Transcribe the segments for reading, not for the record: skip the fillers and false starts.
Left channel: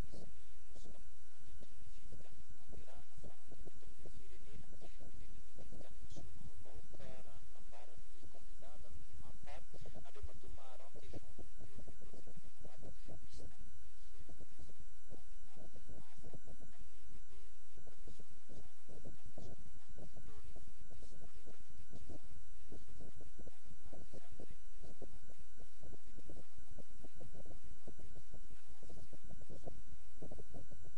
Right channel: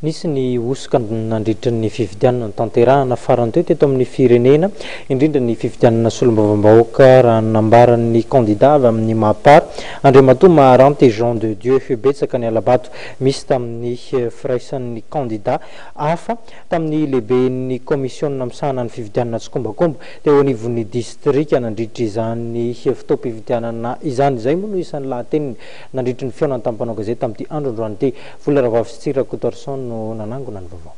Nisy ny osoka nandritra ny fifidianana tanterahana farany teo teto amin'ny firenena indrindra ny fifidianana solombavambahoaka raha nambaran'ny candidat avy amin'ny Mapar Andriamatoa Maharanty Jean de Dieu betsaka ny alabato misy tamin'ny firaisan'ny candidat hafa tamin'ny lehiben'ny commission namsahana ny fifidianana Tsikombakomba teo anivon'ny distrika nandritra izany fotoam-pifidianana izany zay moa no isan'ny lahateniny nandritra ny feonany tampanao gazety tamin'ity andro androany ty Volaravavy sy Tsirakotorson no nanangona ny vaovao.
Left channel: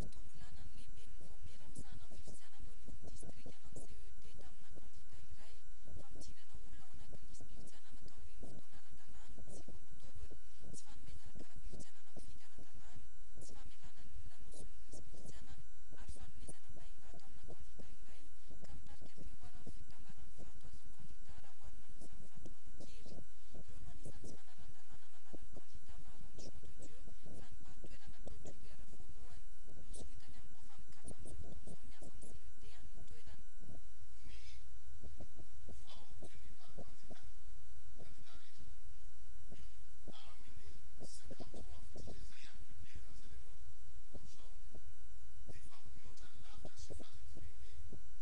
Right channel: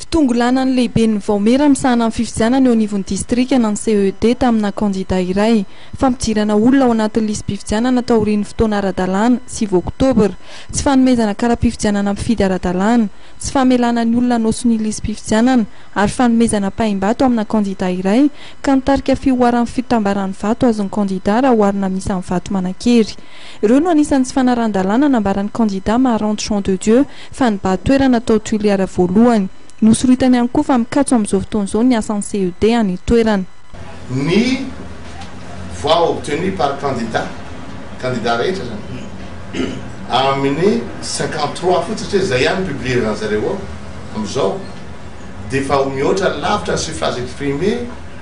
Fitongolana ny lehiben'ny Vaomera misahana amin'ny fifidianana eo anivon'ny distrika na ny CED tamina candidat iray fampidirana olona ao anatin'ny listim-pifidianana tao aorian'ny fotoana ara-dalàna 6 oktobra tsy fanomezana kara-pifidianana mifidy ara-dalàna tsy famelana ny olona nosony listim-pifidianana ary fanomezana paim-bato amina candidat iray ka nitarika fioaran'ny fitambaran'ny vato azon'ny candidat raha oharina misy amin'ny vato manan-kery. Ireo no anisan'ny tsy fanaran-dalàna nambaran'ny candidat Maharanty Jean de Dieu fa nibahan-toerana tao Tuiliara voalohany. Nosoritany ihany koa fa mikatso amin'izao fotoan'izao ny asan'ny CED any toerana. Ny voix obtenue par candidat rehetra zany amin'ny 53 fotsiny zay ihany publier zareo amin'izao dia fa mihoatra lavitra ny suffrage exprimé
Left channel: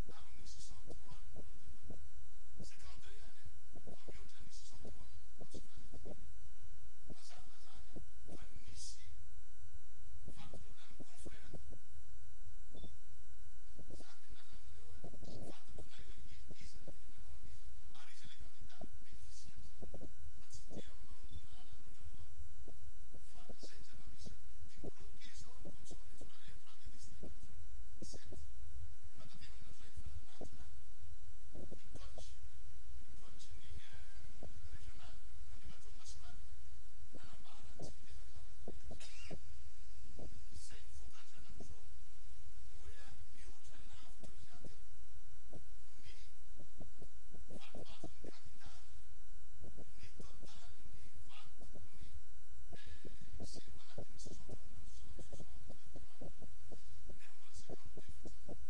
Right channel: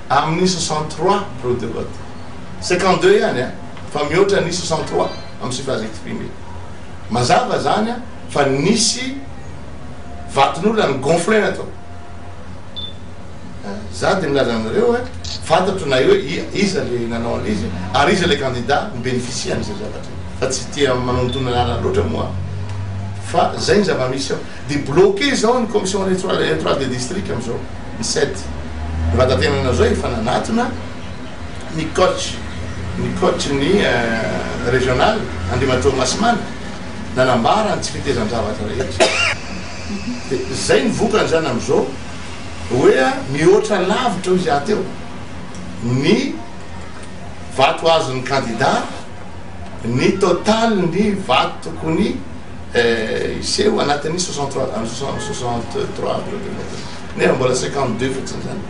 amin'ny 63 bureau de vote 52 ihany fa mihoatra ny 63 amin'ny suffrage exprimé mazava zany fa nisy vaton'olona ny gonflena atao za dia milaza aminareo fantatro na eo iza le nanao an'izy ary iza le candidat ny bénéficie an'izay zavatra fa tsy tia manontona anana loatra moa fa zay ny zava-misy ao dia bloqué zao ny commission électorale de district amin'izao ny 7 ny vatatenana zao efa nanatona ny coach ny régional Andriamatoa Masimana nanambara ny tsy fitezany zavatra rehetra zay ny vokany zany amin'izao hoe mihoatra lavitra izy ateo ny vato azon'ny candidat ny total ny vato tokony iseho anatin'ny 63 nefa mbola 52 fotsiny zany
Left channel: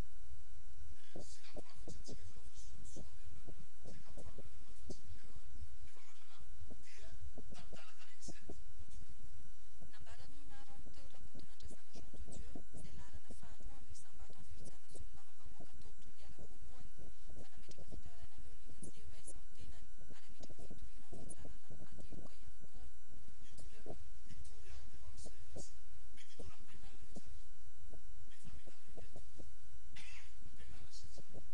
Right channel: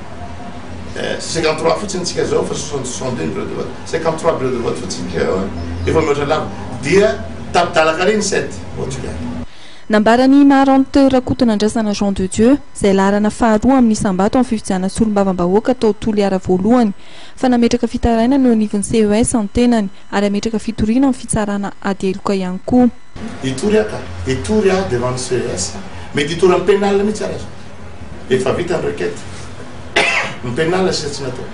53 fotsiny tsika zao fa 62 bureau de vote 53 bureau de vote fotsiny efa mihoatra lavitra dia tapidalaka reny 7 ohatry Nambarany Maharanty Rakotonandrasana Jean de Dieu zay laharana faharoa amin'ny isambato amin'ny fifidianana solombavambahoaka tao Toliara voalohany fa nametraka fitarainana eo anivon'ny CES antenany ary ametraka fitoriana amin'ny fitsarana adeloka ihany koa. Itory devant le CES mety hitory amin'ny pénal mihitsy arazy efa vita ny requête ny pénal sy tsy natao.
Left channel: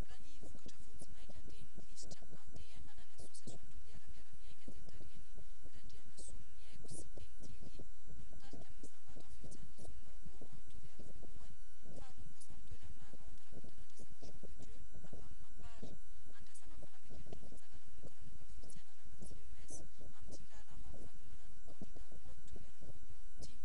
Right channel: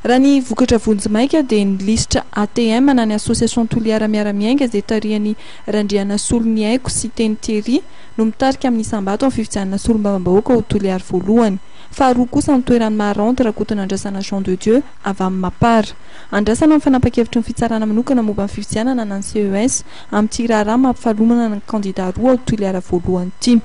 Raha ny vokatra vonjimaika dia ny lisitra ATM na ny association Toliara miara-miainga izay tarihany Randriana Solony Haiko sy Teny Thierry no mitarika amin'ny isambato amin'ny fifidianana solombavambahoaka ao Toliara voalohany. Faharoa kosa ny toeran'ny Maharanty Rakotonandrasana Jean de Dieu avy amin'ny Mapara. Andrasana amin'ny fanapa-kevitra ny fitsarana manokana momba ny fifidianana na ny CES amin'ny tiraharaha mampifalomana ny candidat roa ao Toliara voalohany ity.